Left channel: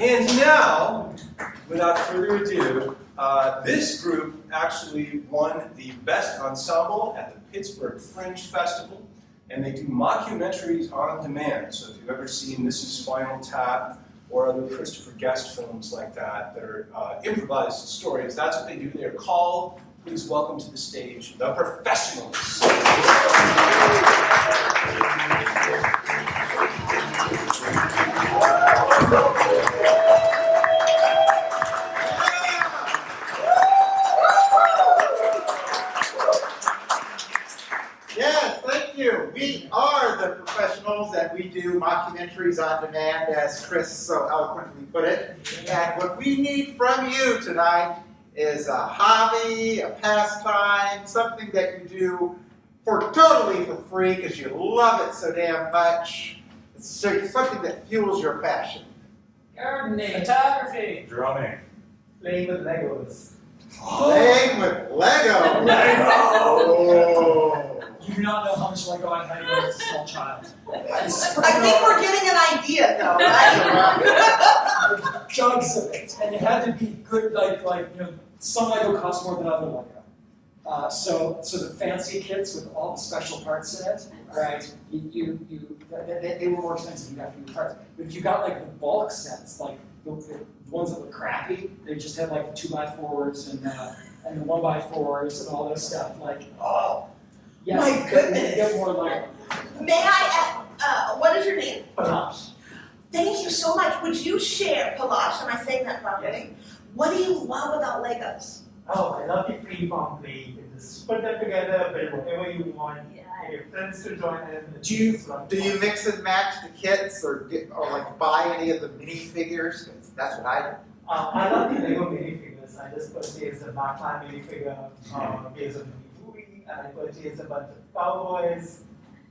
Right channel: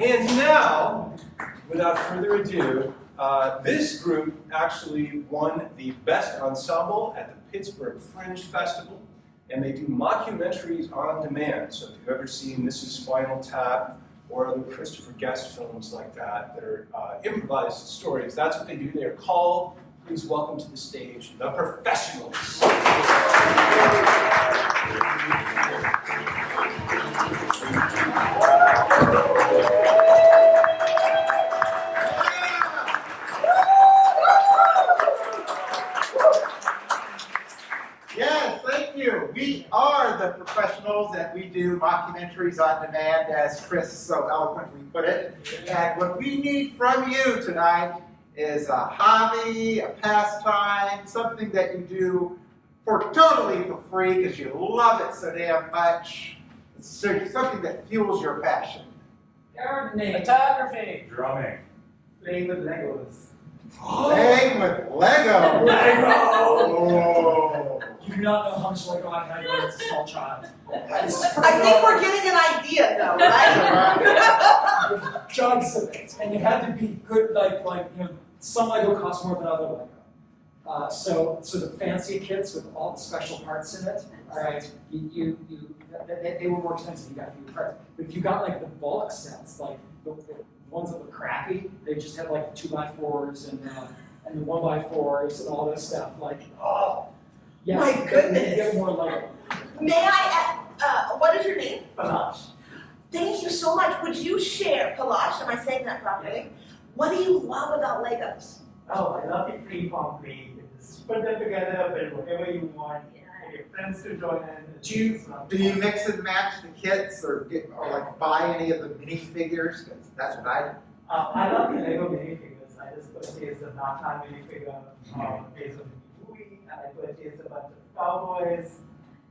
And now, without further ado, this group actually won the Best Ensemble at the Pittsburgh Fringe Festival, and they do mockumentaries on demand. So if you've ever seen Mrs. Spinal Tap or other Christopher Guest films like that that are improvised stories, that's what they do. They are called, please welcome to the stage, The Professionals. Yes, thank you. We are The Professionals, and we do mockumentaries on demand, as Chris so eloquently put it. And what we need from you tonight is a hobby, a pastime, something that you do totally for free because you love it so damn much. It's something that fuels your passion. Gardening, photography, Drumming. playing with Legos. Playing with Lego. Lego! You do not know how much Lego I had when I was a small child. I think we're getting an idea though, right? Jugs of it, and it had to be good. Like you know, some Lego cost more than other Lego. So the fancy kits with all the special parts in it, right? They were more expensive. You got fewer parts. But if you got like the bulk sets, like the ones that look crappy, they just had like the 2x4s and the 1x4s and all this stuff. Like, oh, yes, My goodness. You get more Lego. May I, what is your name? Panache. Thank you so much. Would you share, Palash, am I saying that properly? What do you love about Legos? Oh, I love the free-form play. You can just put them together, build whatever you want, get your friends to join in. Do you mix and match the kits or like buy any of the minifigures? 'Cause that's what I do. I love the Lego minifigures. I just purchased a Batman minifigure based on the movie, and I purchased a bunch of cowboys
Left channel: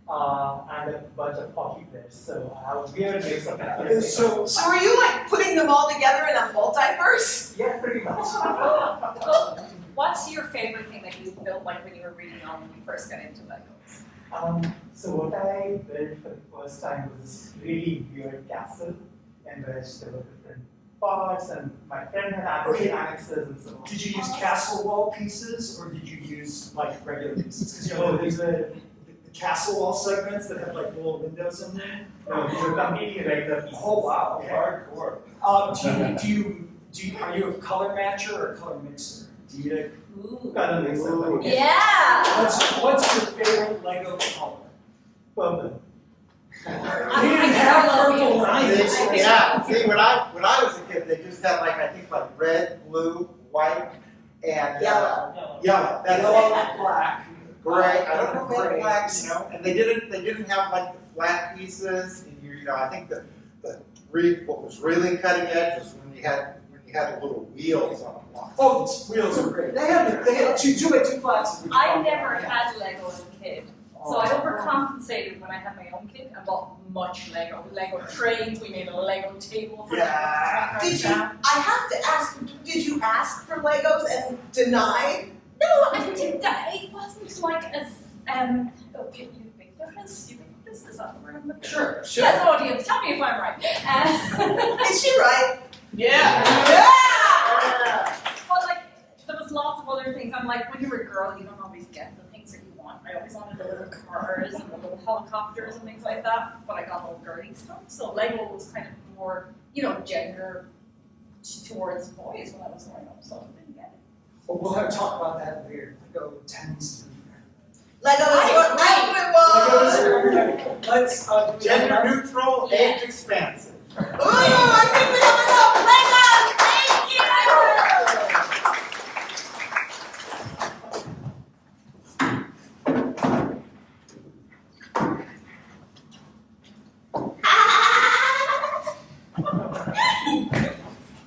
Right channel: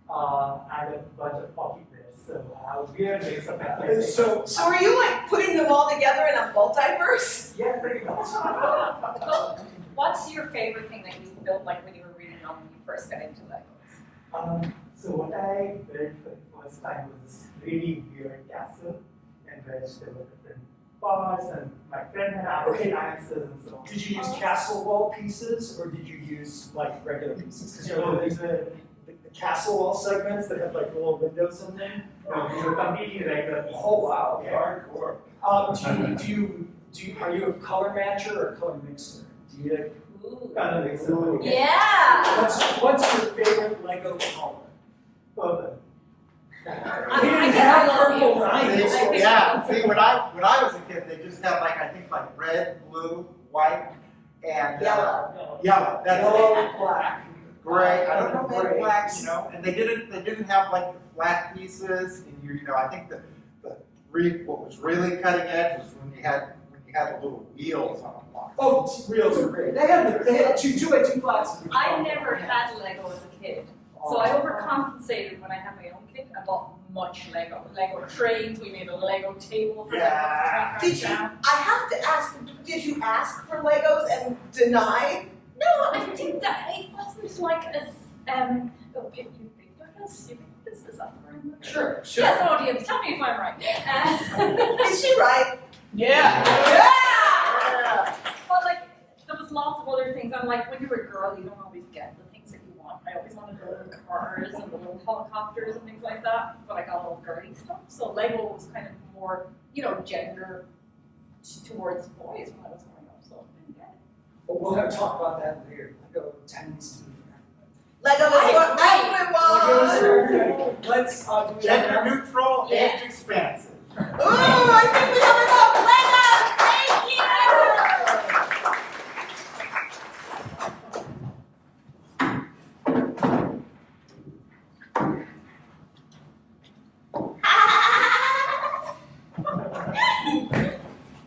and a bunch of hockey players. So I was weird mix of that. So So are you like putting them all together in a multiverse? Yeah, pretty much. What's your favorite thing that you built, like when you were reading on when you first got into Legos? So what I built for the first time was this really weird castle in which there were different parts, and my friend had added annexes and so on. did you use castle wall pieces or did you use like regular pieces? Because you know So there's these were the castle wall segments that have like little windows in them. these were completely regular. Oh wow, okay. Hardcore. Are you a color matcher or a color mixer? Do you? Ooh. Kind of mix it. Ooh. Yeah. What's your favorite Lego color? Purple. They didn't have purple lines. Yeah, see, when I was a kid, they just had like, I think like red, blue, white, and Yellow. yellow. That's Yellow, it. black. Gray. I don't know if they had Gray. black, you know, and they didn't have like the flat pieces. And you know, I think what was really cutting edge was when you had the little wheels on the block. Oh, the wheels are great. They had two by two flats. I never had Lego as a kid. So I overcompensated when I had my own kid. I bought much Lego. Lego trains, we made a Lego table for Yeah. Did you, I have to ask, did you ask for Legos and deny? No, I think that it wasn't like as oh, you think there is? You think this is that the word? Sure. Yes, audience, tell me if I'm right. Is she right? Yeah. Yeah! Well, like, there was lots of other things. I'm like, when you're a girl, you don't always get the things that you want. I always wanted the little cars and the little helicopters and things like that, but I got all girly stuff. So Lego was kind of more, you know, gender towards boys when I was growing up, so I didn't get it. Well, we'll have to talk about that later. Lego tends to be Lego is what Legos everyone. for everybody. Let's Gender neutral, Yes. age expansive. Ooh, I think we have enough Legos! Thank you!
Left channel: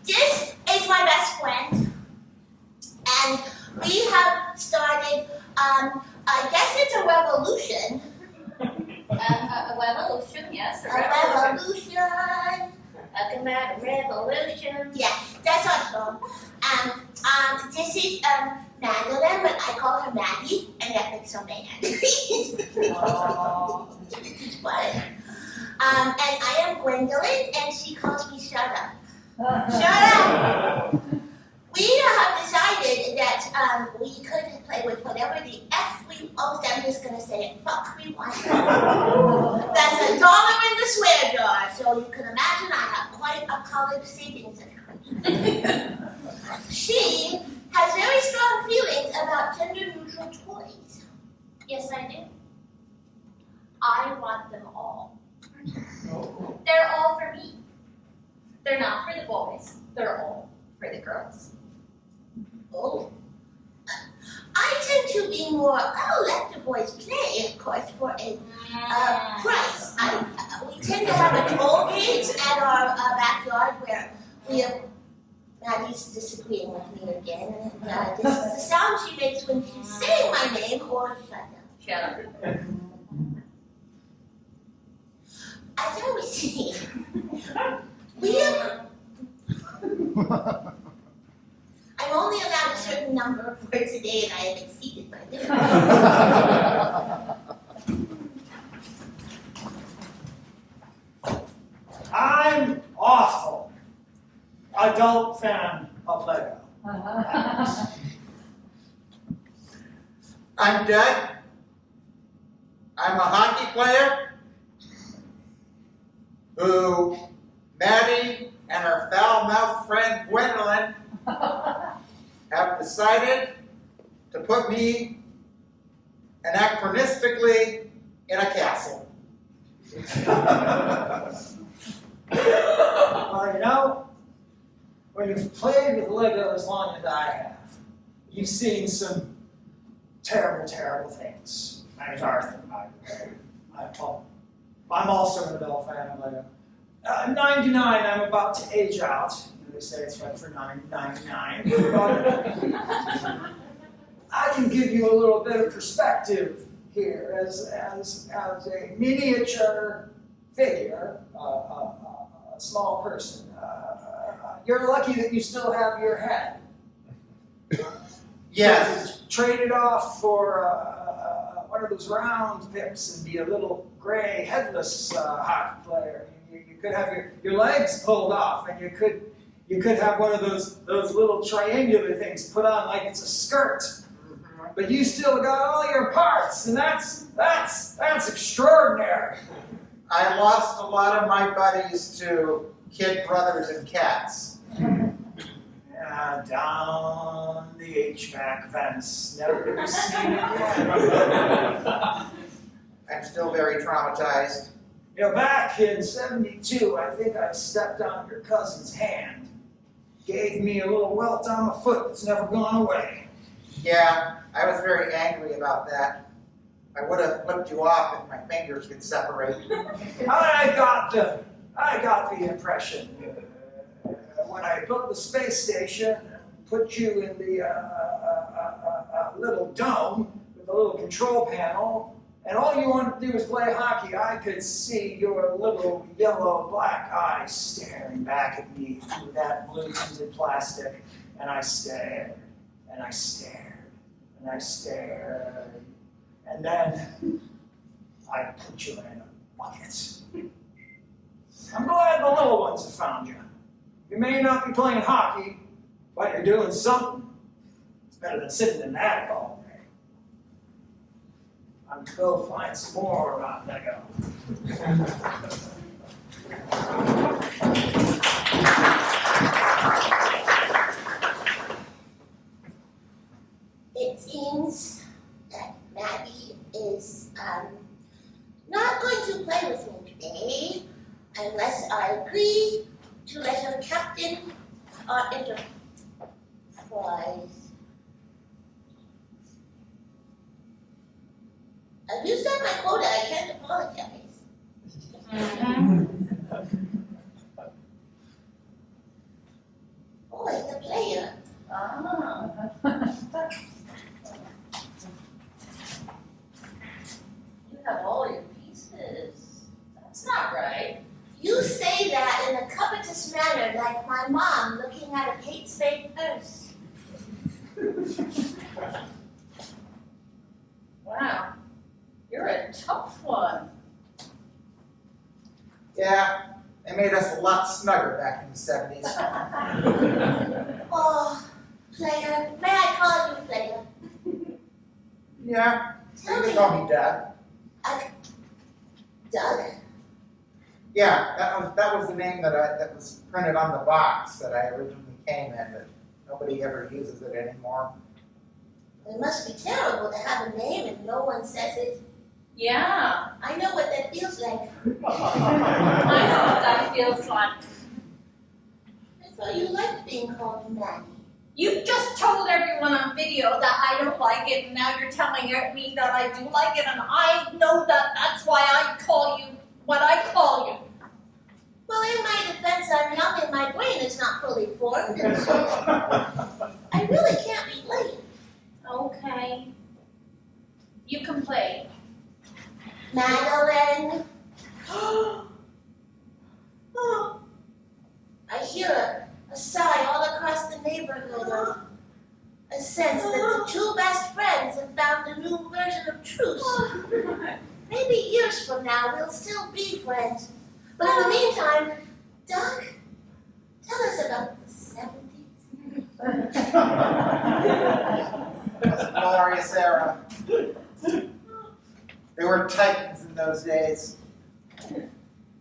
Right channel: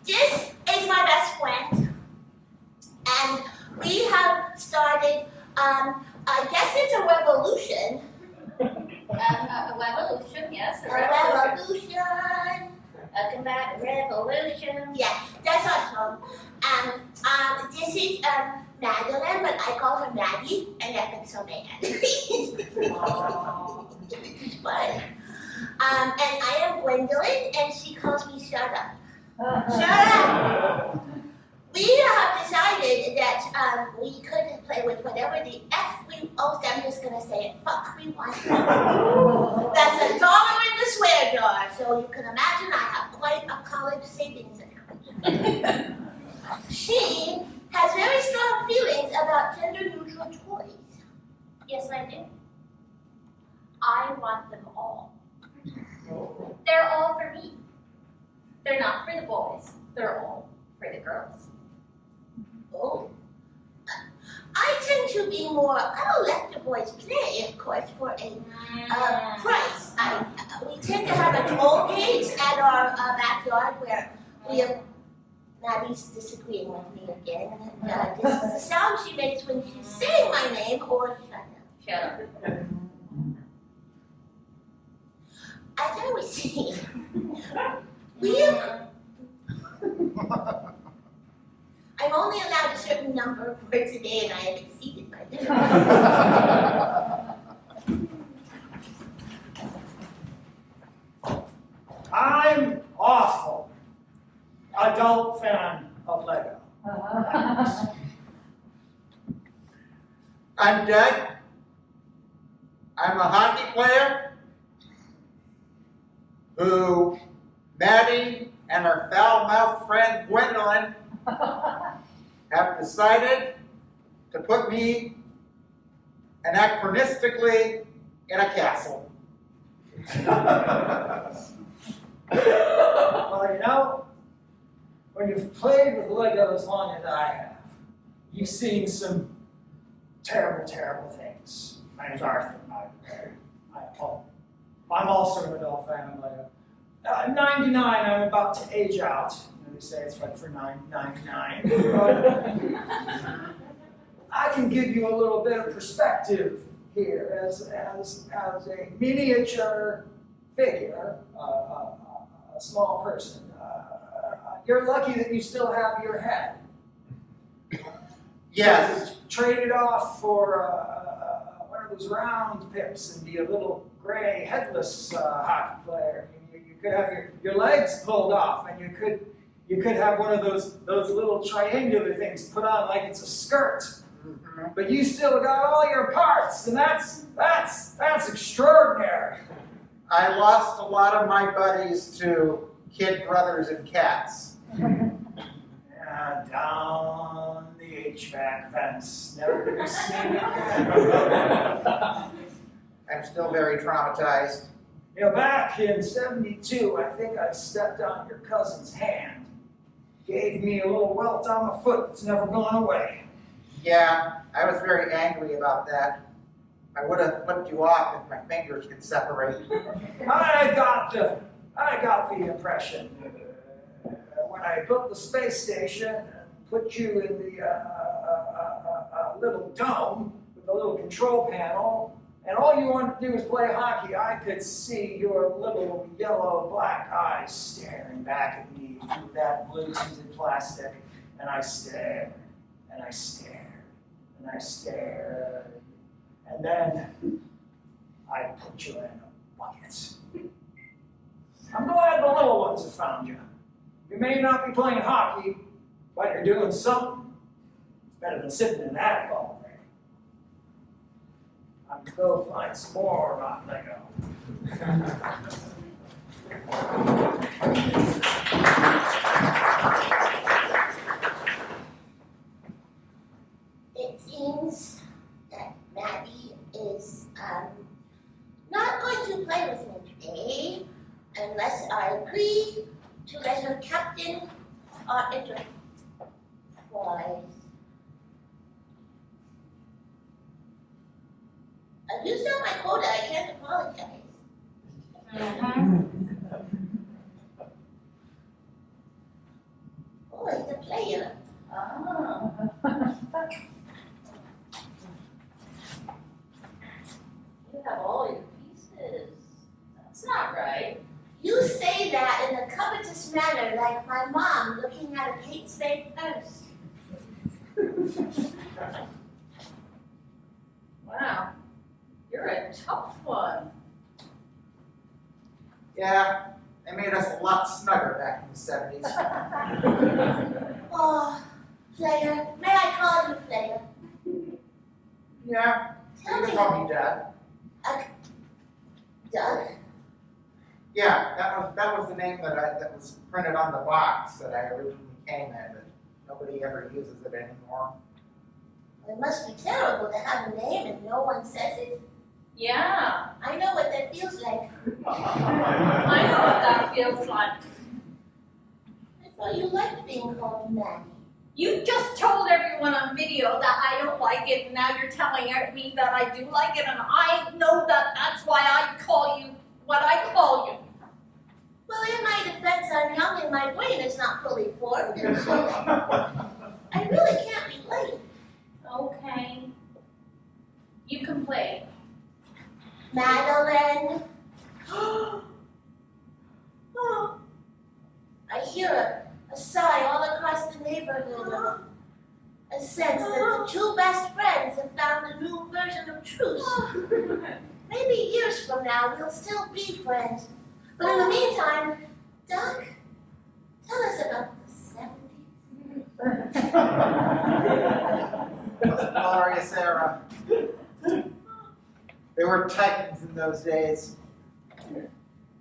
This is my best friend, and we have started, I guess it's a revolution. A revolution, yes. A revolution. Talking about a revolution. Yeah, that's awesome. This is Madeline, but I call her Maddie, and that makes her mad. But, and I am Gwendolyn, and she calls me Shut Up. Shut up! We have decided that we could play with whatever the F we, oh, I'm just gonna say it, fuck we want. That's $1 in the swear jar, so you can imagine I have quite a college savings account. She has very strong feelings about gender-neutral toys. Yes, I do. I want them all. They're all for me. They're not for the boys. They're all for the girls. Oh. I tend to be more, I'll let the boys play, of course, for a price. We tend to have a toll gate at our backyard where we have, Maddie's disagreeing with me again. This is the sound she makes when she's saying my name or shut up. As I was saying, we have, I'm only allowed a certain number of words a day and I have exceeded my limit. I'm awful adult fan of Lego. I'm Doug. I'm a hockey player who Maddie and her foul-mouthed friend Gwendolyn have decided to put me anachronistically in a castle. Well, you know, when you've played with Lego as long as I have, you've seen some terrible, terrible things. My name's Arthur. I'm also an adult fan of Lego. 99, I'm about to age out. They say it's right for 999. But I can give you a little bit of perspective here as a miniature figure, a small person. You're lucky that you still have your head. Yes. Trade it off for one of those round pips and be a little gray, headless hockey player. You could have your legs pulled off, and you could have one of those little triangular things put on like it's a skirt. But you still got all your parts, and that's extraordinary. I lost a lot of my buddies to kid brothers and cats. Yeah, down the HVAC vents, never to be seen again. I'm still very traumatized. You know, back in '72, I think I stepped on your cousin's hand. Gave me a little welt on my foot that's never gone away. Yeah, I was very angry about that. I would have flipped you off if my fingers could separate. I got the impression when I built the space station and put you in the little dome with a little control panel, and all you wanted to do was play hockey, I could see your little yellow-black eyes staring back at me through that blue-tinted plastic, and I stared, and I stared, and I stared, and then I put you in a bucket. I'm glad the little ones have found you. You may not be playing hockey, but you're doing something. It's better than sitting in that all day. I'm gonna go find some more about Lego. It seems that Maddie is not going to play with me today unless I agree to let her captain our enterprise. I've used up my quota, I can't apologize. Oh, it's a player. You have all your pieces. That's not right. You say that in a covetous manner, like my mom looking at a Kate Spade purse. Wow. You're a tough one. Yeah, They made us a lot snugger back in the 70s. Oh, player. May I call you player? Yeah, you Tell can me, call me Dad. Doug? Yeah, that was the name that was printed on the box that I originally came in, but nobody ever uses it anymore. It must be terrible to have a name and no one says it. Yeah, I know what that feels like. I know what that feels like. I thought you liked being called Maddie. You just told everyone on video that I don't like it, and now you're telling me that I do like it, and I know that that's why I call you what I call you. Well, in my defense, I'm young and my brain is not fully formed, and so I really can't relate. Okay. You can play. Madeline. Oh. I hear a sigh all across the neighborhood, a sense that the two best friends have found a new version of truce. Maybe years from now we'll still be friends. But in the meantime, Doug, tell us about the 70s. It was a glorious era. They were titans in those days.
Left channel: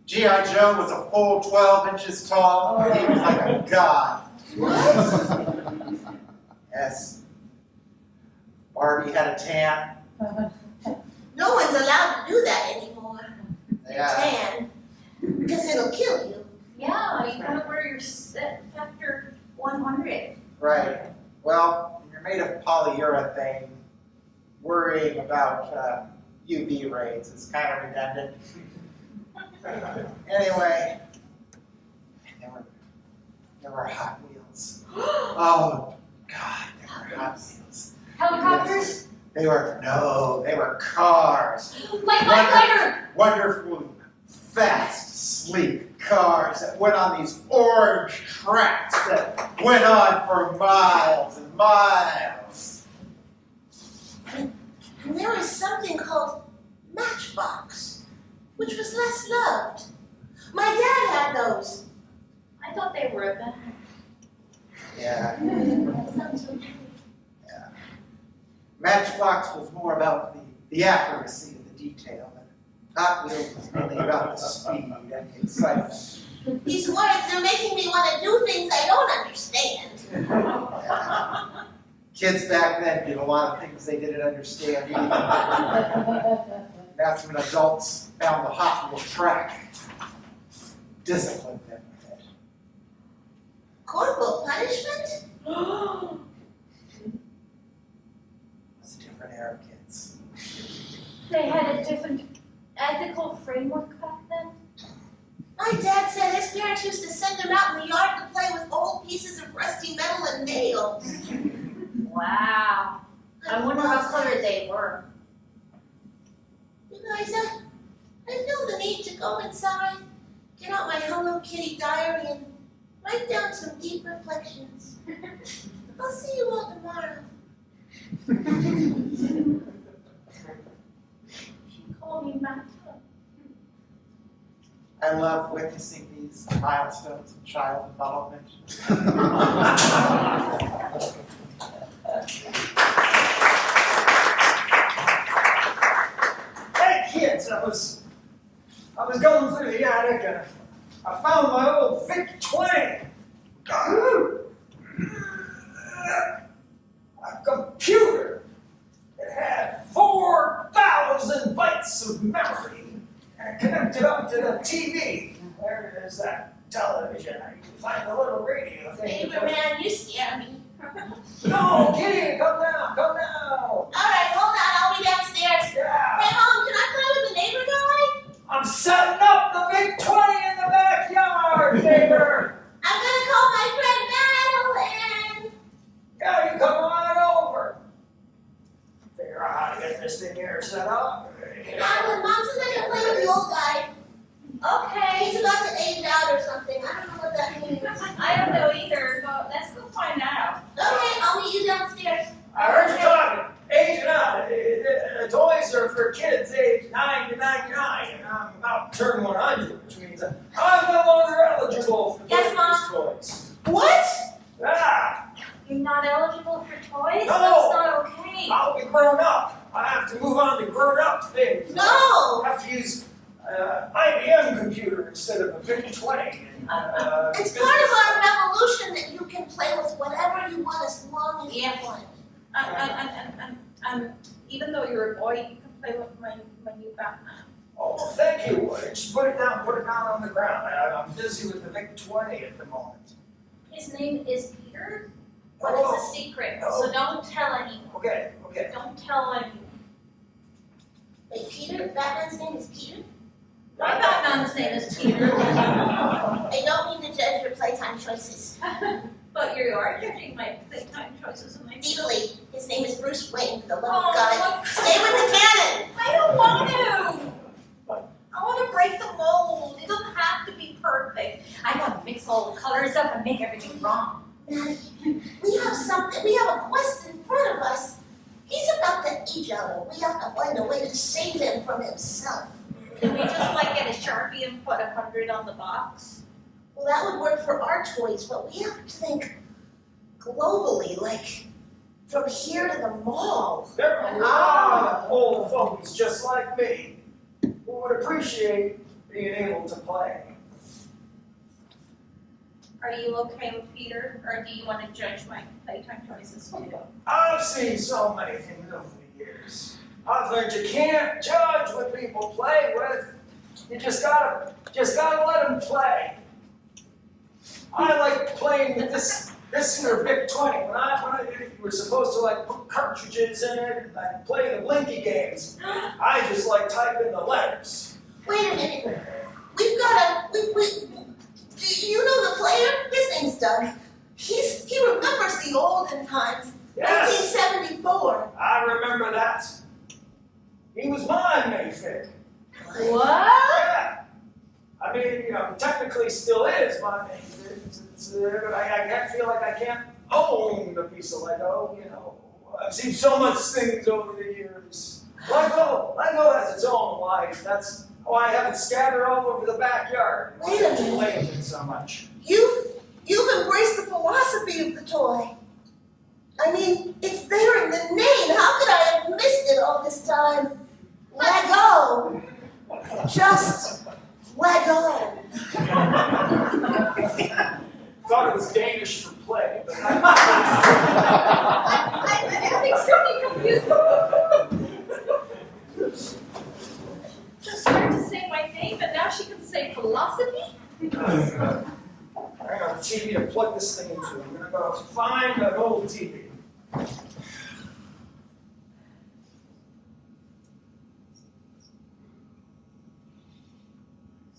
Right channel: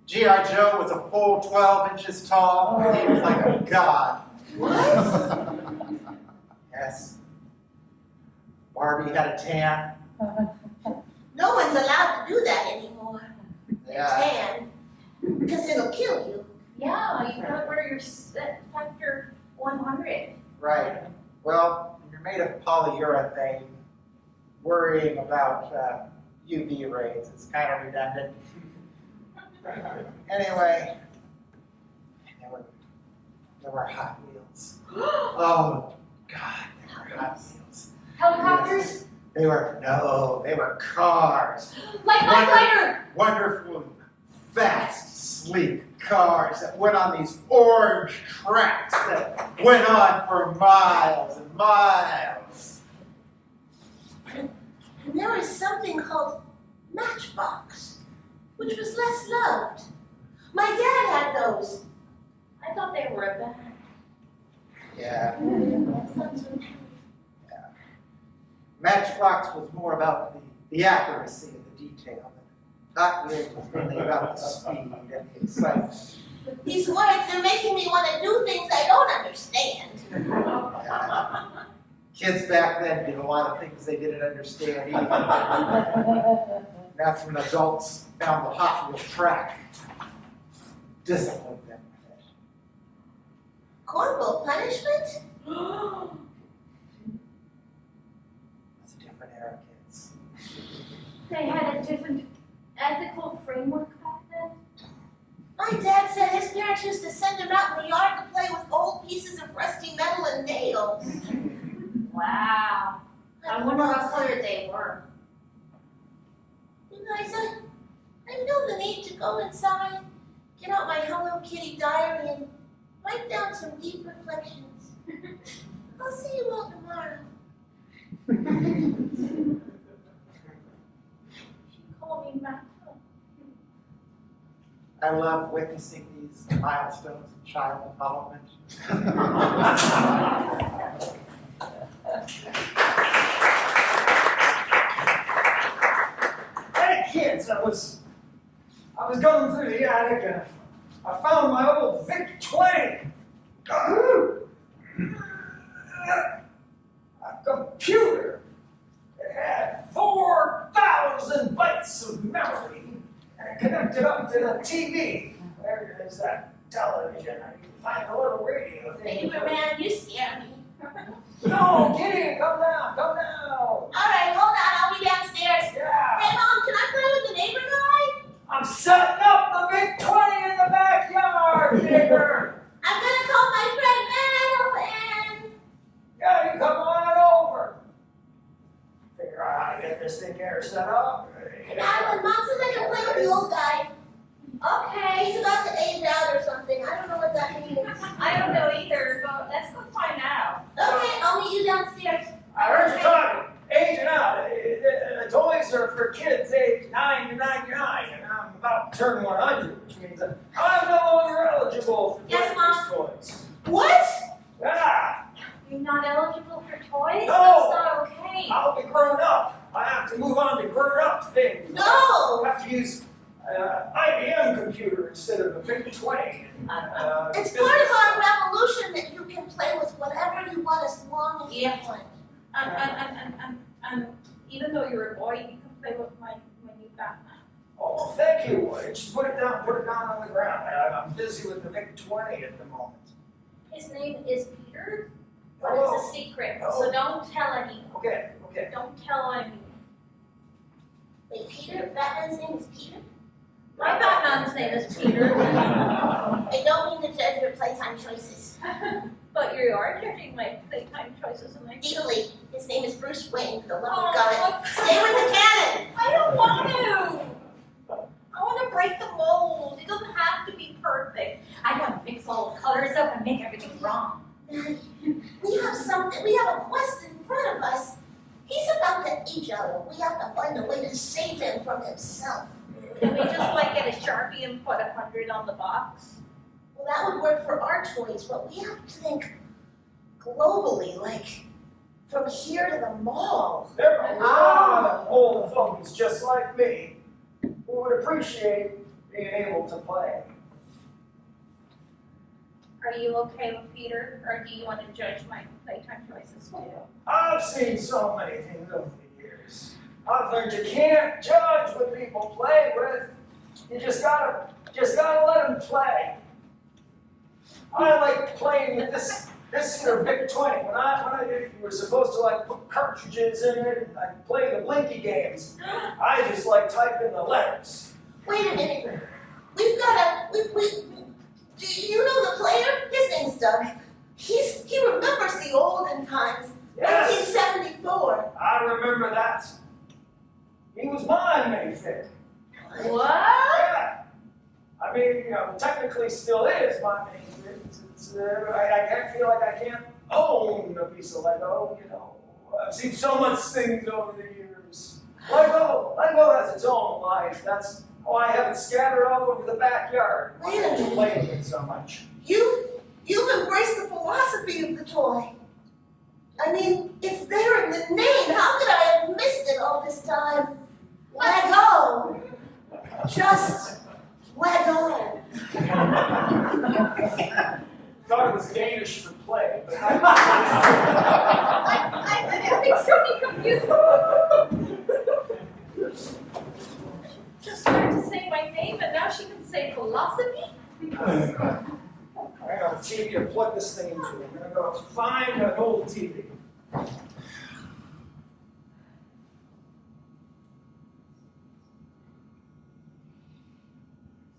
G.I. Joe was a full 12 inches tall, and he was like a god. What? Yes. Barbie had a tan. No one's allowed to do that anymore. Yeah. Tan. Because it'll kill you. Yeah, you gotta wear your factor 100. Right. Well, when you're made of polyurethane, worrying about UV rays is kind of redundant. Anyway, there were Hot Wheels. Oh, God, there were Hot Wheels. Helicopters? They were cars. Like Lighter! Wonderful, fast, sleek cars that went on these orange tracks that went on for miles and miles. And there was something called Matchbox, which was less loved. My dad had those. I thought they were a band. Yeah. That sounds so nice. Matchbox was more about the accuracy of the detail. Hot Wheels was mainly about the speed and the excitement. These words are making me want to do things I don't understand. Kids back then did a lot of things they didn't understand either. That's when adults found the Hot Wheel track, disciplined them with it. Corporal punishment? It's a different era, kids. They had a different ethical framework back then. My dad said his parents used to send him out in the yard to play with old pieces of rusty metal and nails. Wow. I wonder how clear they were. You guys, I feel the need to go inside, get out my Hello Kitty diary, and write down some deep reflections. I'll see you all tomorrow. She called me Matt. I love witnessing these milestones in child development. Hey kids, I was going through the attic and I found my old VIC-20. A computer. It had 4,000 bytes of memory and it connected up to the TV. There is that television. I can find a little radio thing. Favorite man, you scare me. No, Kitty, come now, come now. All right, hold on, I'll be downstairs. Yeah. Hey, Mom, can I play with the neighbor guy? I'm setting up the VIC-20 in the backyard, neighbor. I'm gonna call my friend Madeline. Yeah, you come on over. Figure out how to get this thing here set up. Madeline, Mom says I can play with the old guy. Okay. He's about to age out or something. I don't know what that means. I don't know either, but let's go find out. Okay, I'll meet you downstairs. I heard you talking, aging out. Toys are for kids aged 9 to 99, and I'm about turned 100, which means that I'm no longer eligible for Yes, these toys. What? Ah, You're not eligible for toys? No. That's not okay. I'll be grown up. I have to move on to grown-up things. No. I have to use IBM computer instead of a VIC-20. It's part of our revolution that you can play with whatever you want as long as you want. Even though you're a boy, you can play with my new Batman. Oh, well, thank you. Just put it down on the ground. I'm busy with the VIC-20 at the moment. His name is Peter, but Oh. it's a secret, Oh. so don't tell anyone. Okay. Don't tell anyone. Wait, Peter? Batman's name is Peter? My Batman's name is Peter, I don't mean to judge your playtime choices. but you are judging my playtime choices and my Legally, his name is Bruce Wayne, for the love Oh, of God. Stay with the canon! I don't want to. I want to break the mold. It doesn't have to be perfect. I want to mix all the colors up and make everything wrong. Maddie, we have a quest in front of us. He's about to age out. We have to find a way to save him from himself. Can we just get a Sharpie and put 100 on the box? Well, that would work for our toys, but we have to think globally, like from here to the mall. There are a lot of old folks just like me who would appreciate being able to play. Are you okay with Peter, or do you want to judge my playtime choices too? I've seen so many things over the years. I've learned you can't judge what people play with. You just gotta let them play. I like playing with this here VIC-20. When I did it, you were supposed to put cartridges in it and play the Blinky games. I just type in the letters. Wait a minute. Do you know the player? His name's Doug. He remembers the olden times. Yes, 1974. I remember that. He was my Mayfig. What? Yeah. I mean, technically still is my Mayfig. I can't feel like I can't own a piece of Lego, I've seen so much things over the years. Lego has its own life. That's why I have it scattered all over the backyard. Wait a minute. Play with it so much. You've embraced the philosophy of the toy. I mean, it's there in the name. How could I have missed it all this time? Lego. Just Lego. Thought it was Danish for play, but I'm extremely confused. Just learned to say my name, and now she can say philosophy? I got a TV to plug this thing into. I'm gonna go find an old TV.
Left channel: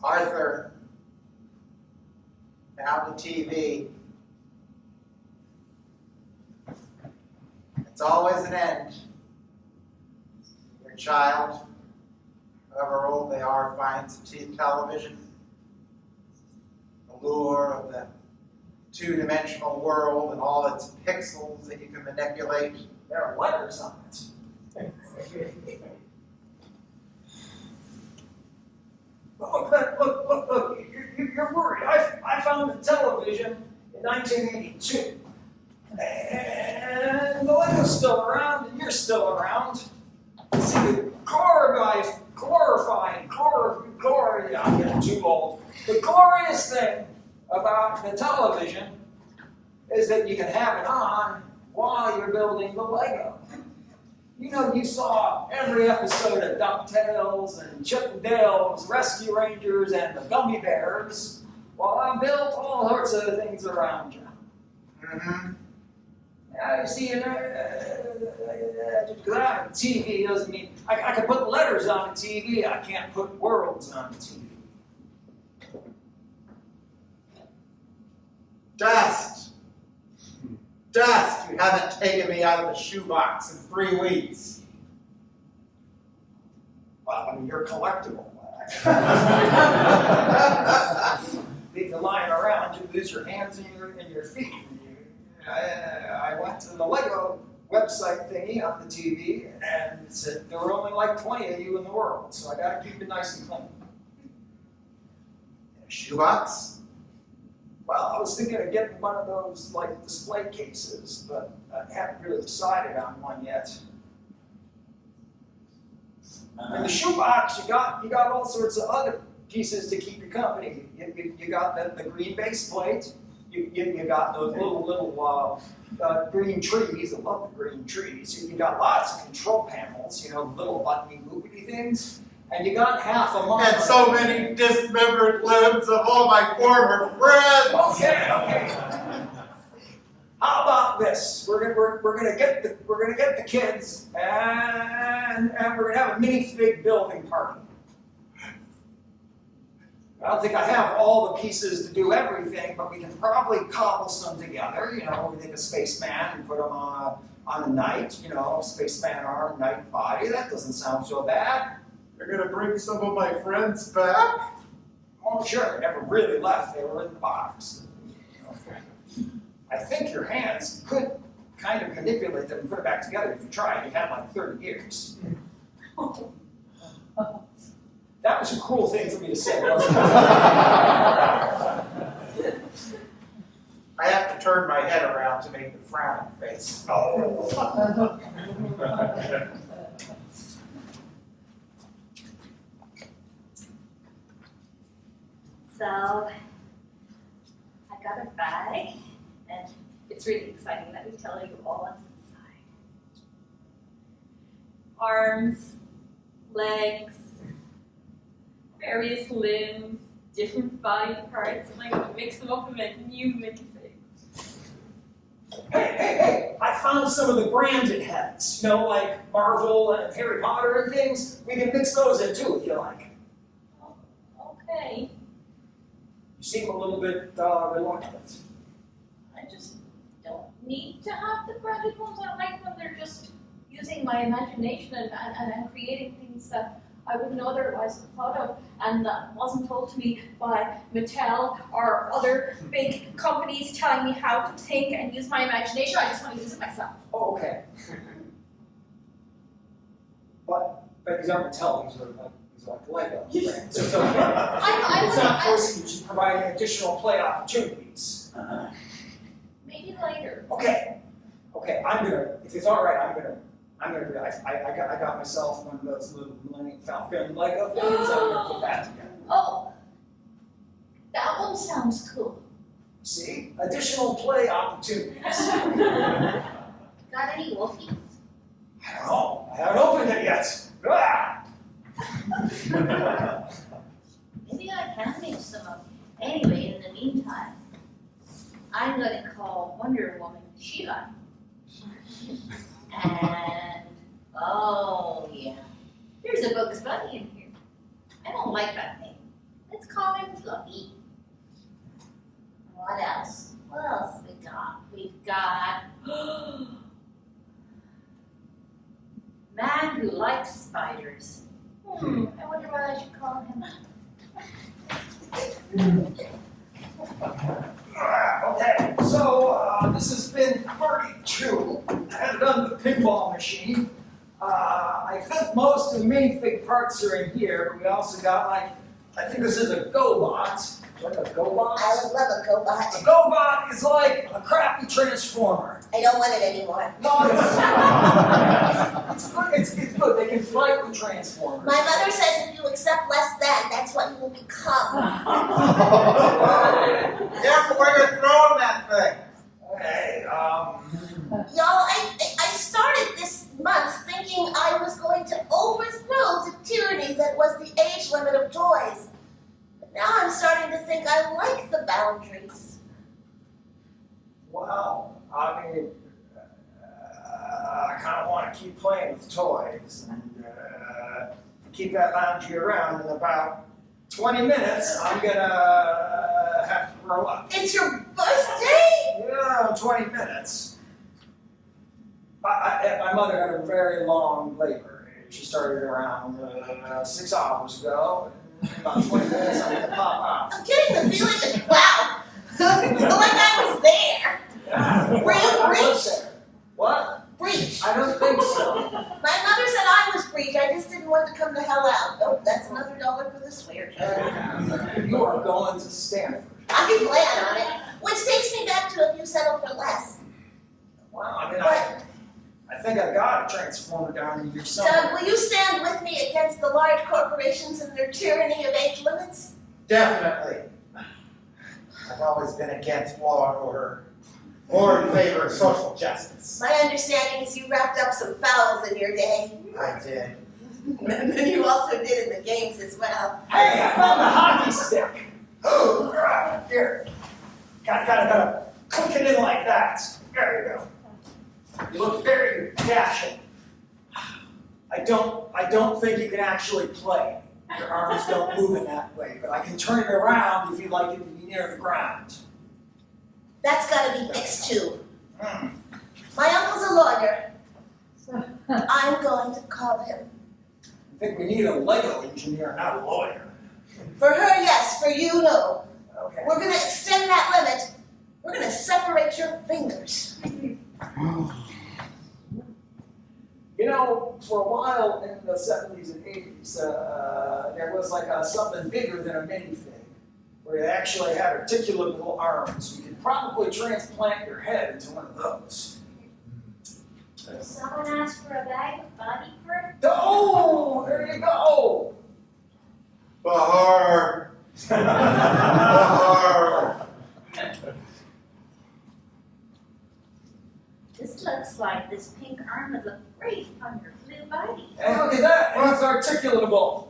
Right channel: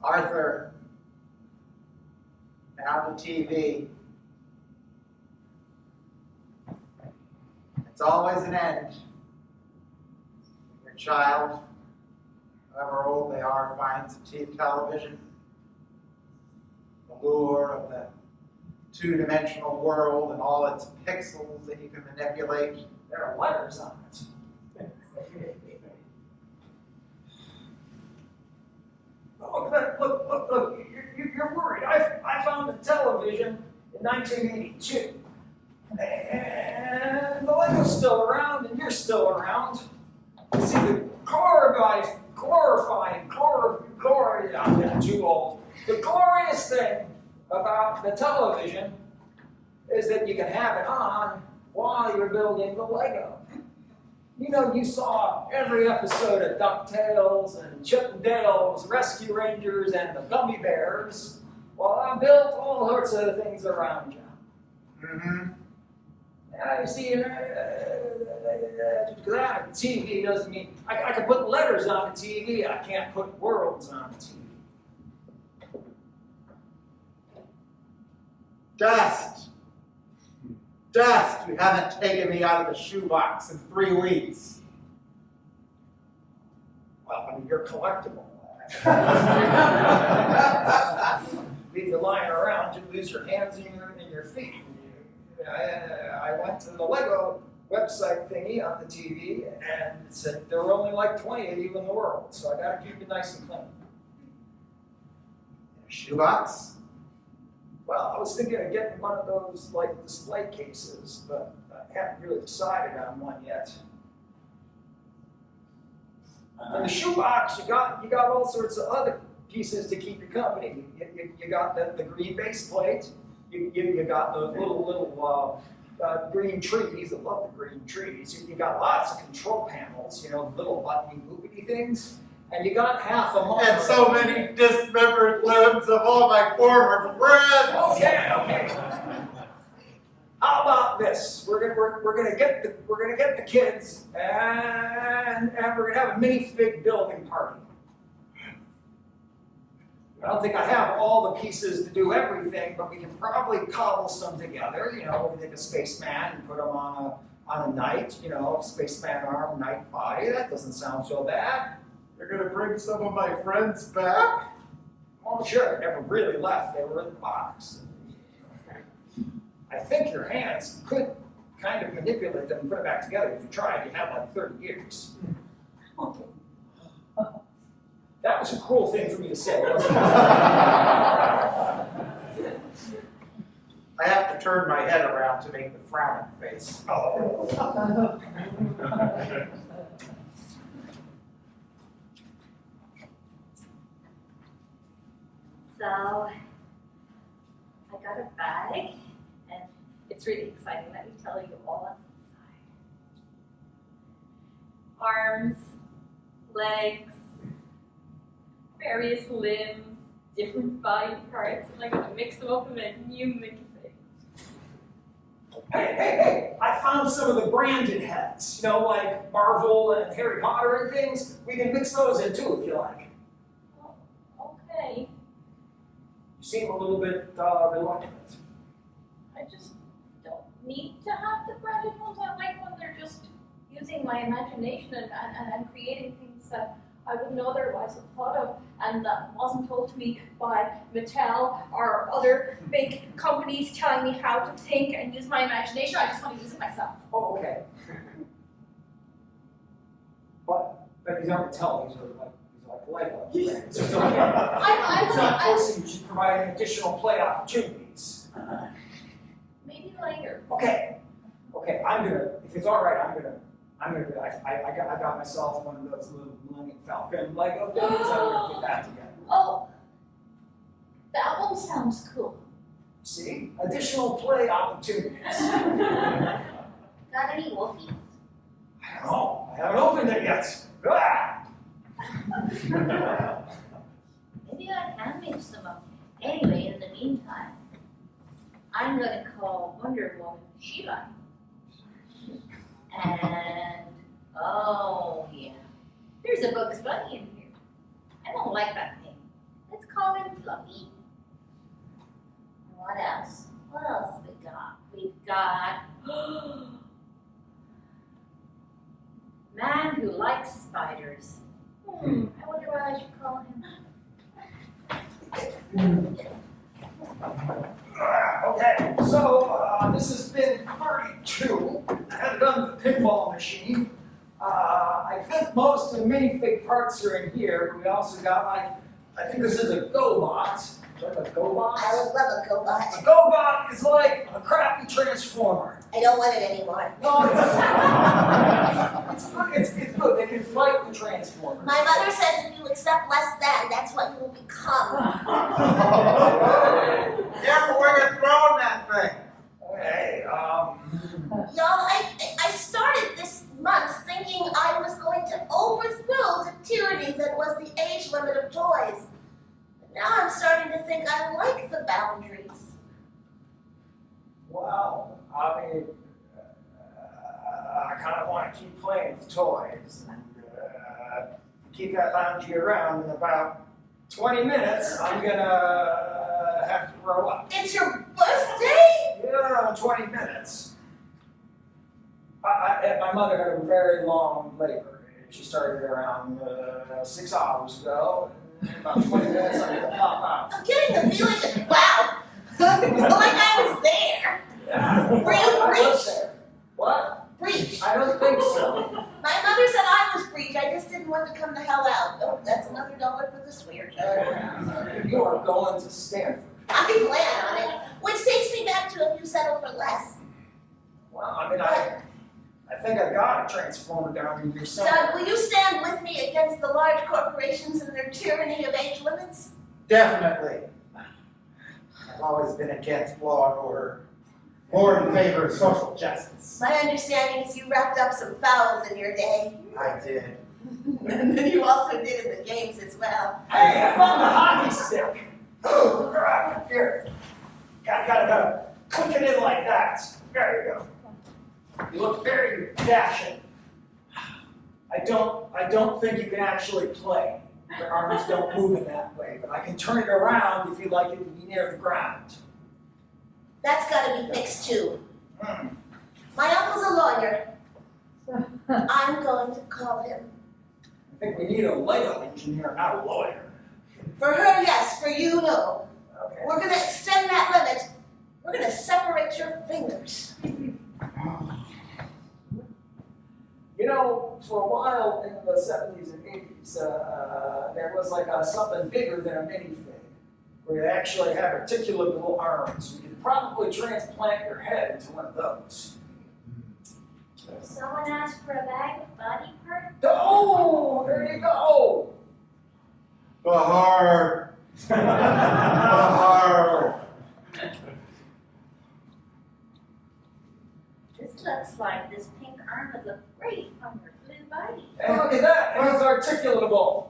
Arthur, now the TV. It's always an end. Your child, however old they are, finds a television. The lure of the two-dimensional world and all its pixels that you can manipulate. There are letters on it. Look, you're worried. I found the television in 1982. And the Lego's still around, and you're still around. See, the I'm getting too old. The glorious thing about the television is that you can have it on while you're building the Lego. You saw every episode of DuckTales and Chip and Dale's Rescue Rangers and the Gummy Bears. Well, I built all sorts of things around you. Mm-hmm. You see, because I have a TV doesn't mean I can put letters on a TV. I can't put worlds on a TV. Dust, you haven't taken me out of the shoebox in 3 weeks. Well, I mean, you're collectible. Leave you lying around, you lose your hands and your feet. I went to the Lego website thingy on the TV, and it said there were only 20 of you in the world, so I got to keep it nice and clean. Shoebox? Well, I was thinking of getting one of those like display cases, but I haven't really decided on one yet. In the shoebox, you got all sorts of other pieces to keep you company. You got the green base plate. You got those little green trees. I love the green trees. You got lots of control panels. Little buttony boopity things. And you got half a monitor. And so many dismembered limbs of all my former friends. Okay. How about this? We're gonna get the kids and we're gonna have a minifig building party. I don't think I have all the pieces to do everything, but we can probably cobble some together. We take a spaceman and put him on a knight. Spaceman arm, knight body. That doesn't sound so bad. You're gonna bring some of my friends back? Oh, sure. They never really left. They were in the box. I think your hands could kind of manipulate them and put it back together if you tried. You had like 30 years. That was a cruel thing for me to say, wasn't it? I have to turn my head around to make the frowning face. Oh. So, I got a bag, and it's really exciting. Let me tell you all what's inside. Arms, legs, various limbs, different body parts, and I'm going to mix them up and make new minifig. Hey, I found some of the branded heads, like Marvel and Harry Potter and things. We can mix those in too if you like. Oh, okay. You seem a little bit reluctant. I just don't need to have the branded ones. I like when they're just using my imagination and creating things that I wouldn't otherwise have thought of, and that wasn't told to me by Mattel or other big companies telling me how to think and use my imagination. I just want to use it myself. Oh, okay. But these aren't Mattel, these are like Lego. Right? So it's okay. It's not forcing you, just providing additional play opportunities. Maybe later. Okay, I'm gonna, if it's all right, I'm gonna do that. I got myself one of those little Millennium Falcon Lego things. I'm gonna put that together. Oh, that one sounds cool. See? Additional play opportunities. Got any wolfies? I don't know. I haven't opened it yet. Ah! Maybe I can make some up. Anyway, in the meantime, I'm going to call Wonder Woman Sheila. And, oh yeah, there's a Bugs Bunny in here. I don't like that name. Let's call him Fluffy. What else? What else have we got? We've got Man Who Likes Spiders. I wonder what I should call him. Okay, so this has been party 2. I had done the pinball machine. I think most of the minifig parts are in here, but we also got I think this is a GoBot. Do you have a GoBot? I would love a GoBot. A GoBot is like a crappy transformer. I don't want it anymore. No, it's good. They can fight the transformers. My mother says if you accept less than, that's what you will become. Careful where you're throwing that thing. Okay, Y'all, I started this month thinking I was going to overthrow the tyranny that was the age limit of toys. But now I'm starting to think I like the boundaries. well, I mean, I kind of want to keep playing with toys, and keep that boundary around. In about 20 minutes, I'm gonna have to grow up. It's your birthday? Yeah, 20 minutes. My mother had a very long labor. She started around 6 hours ago. In about 20 minutes, I'm gonna pop out. I'm getting the feeling that, wow, like I was there. Yeah. Were you I was breached? there. What? Breach. I don't think so. My mother said I was breached. I just didn't want to come the hell out. Oh, that's another $1 for the swear jar. You are going to Stanford. I plan on it, which takes me back to if you settle for less. Well, I mean, I think I got a transformer down in your son. Doug, will you stand with me against the large corporations and their tyranny of age limits? Definitely. I've always been against law and order, more in favor of social justice. My understanding is you wrapped up some fouls in your day. I did. And then you also did in the games as well. Hey, I found the hockey stick. Oh, right, here. Gotta click it in like that. There you go. You look very dashing. I don't think you can actually play. Your arms don't move in that way, but I can turn it around if you'd like it to be near the ground. That's gotta be fixed too. Hmm. My uncle's a lawyer. I'm going to call him. I think we need a Lego engineer, not a lawyer. For her, yes. For you, no. Okay. We're gonna extend that limit. We're gonna separate your fingers. You know, for a while in the 70s and 80s, there was like something bigger than a minifig, where they actually had articulable arms. We could probably transplant your head into one of those. Did someone ask for a bag of body parts? Oh, there you go. Bahar. Bahar. This looks like this pink arm would look great on your blue body. Hey, look at that. And it's articulatable.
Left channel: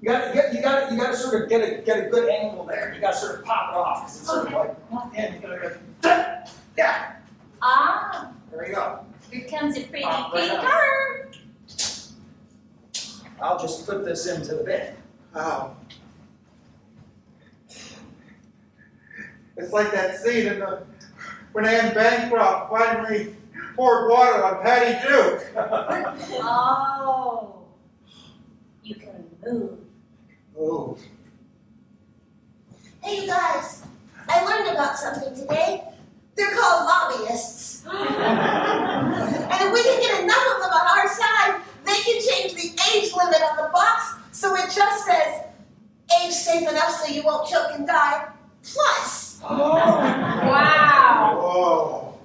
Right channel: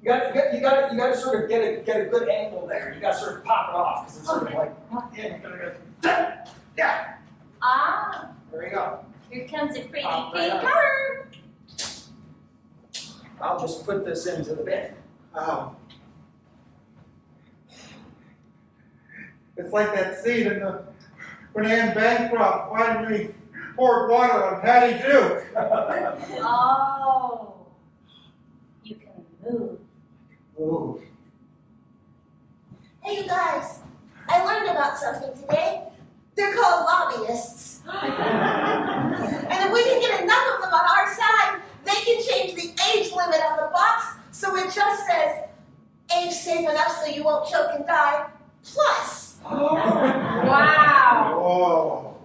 You gotta sort of get a good angle there. You gotta sort of pop it off because it's sort of like, and you gotta go, yeah. Ah, There you go. here comes a pretty Pop right pink up. arm. I'll just put this into the bin. Oh. It's like that scene in when Anne Bancroft finally poured water on Patty Duke. Oh, you can move. Ooh. Hey, you guys. I learned about something today. They're called lobbyists. And if we can get enough of them on our side, they can change the age limit on the box so it just says, age safe enough so you won't choke and die, plus. Wow. Whoa.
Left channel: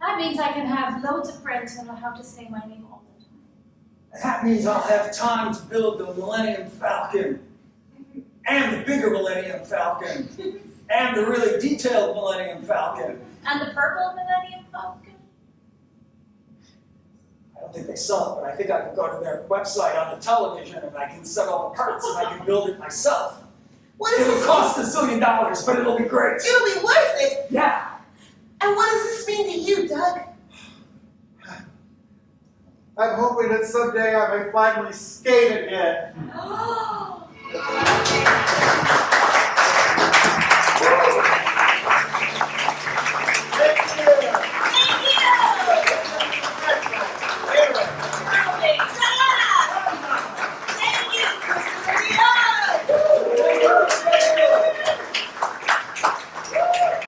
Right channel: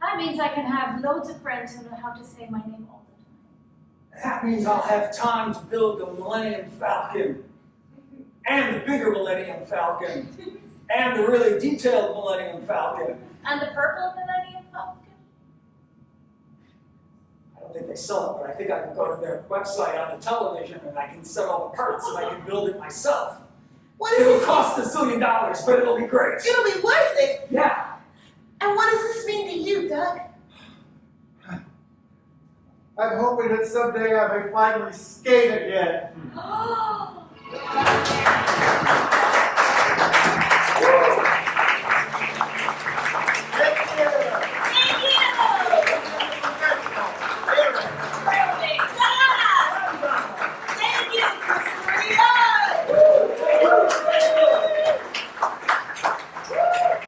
That means I can have loads of friends who know how to say my name all the time. That means I'll have time to build the Millennium Falcon, and the bigger Millennium Falcon, and the really detailed Millennium Falcon. And the purple Millennium Falcon? I don't think they sell it, but I think I can go to their website on the television and I can set all the parts and I can build it myself. What It is will this? cost $1 zillion, but it'll be great. It'll be worth it. Yeah. And what does this mean to you, Doug? I'm hoping that someday I may finally skate again. Oh.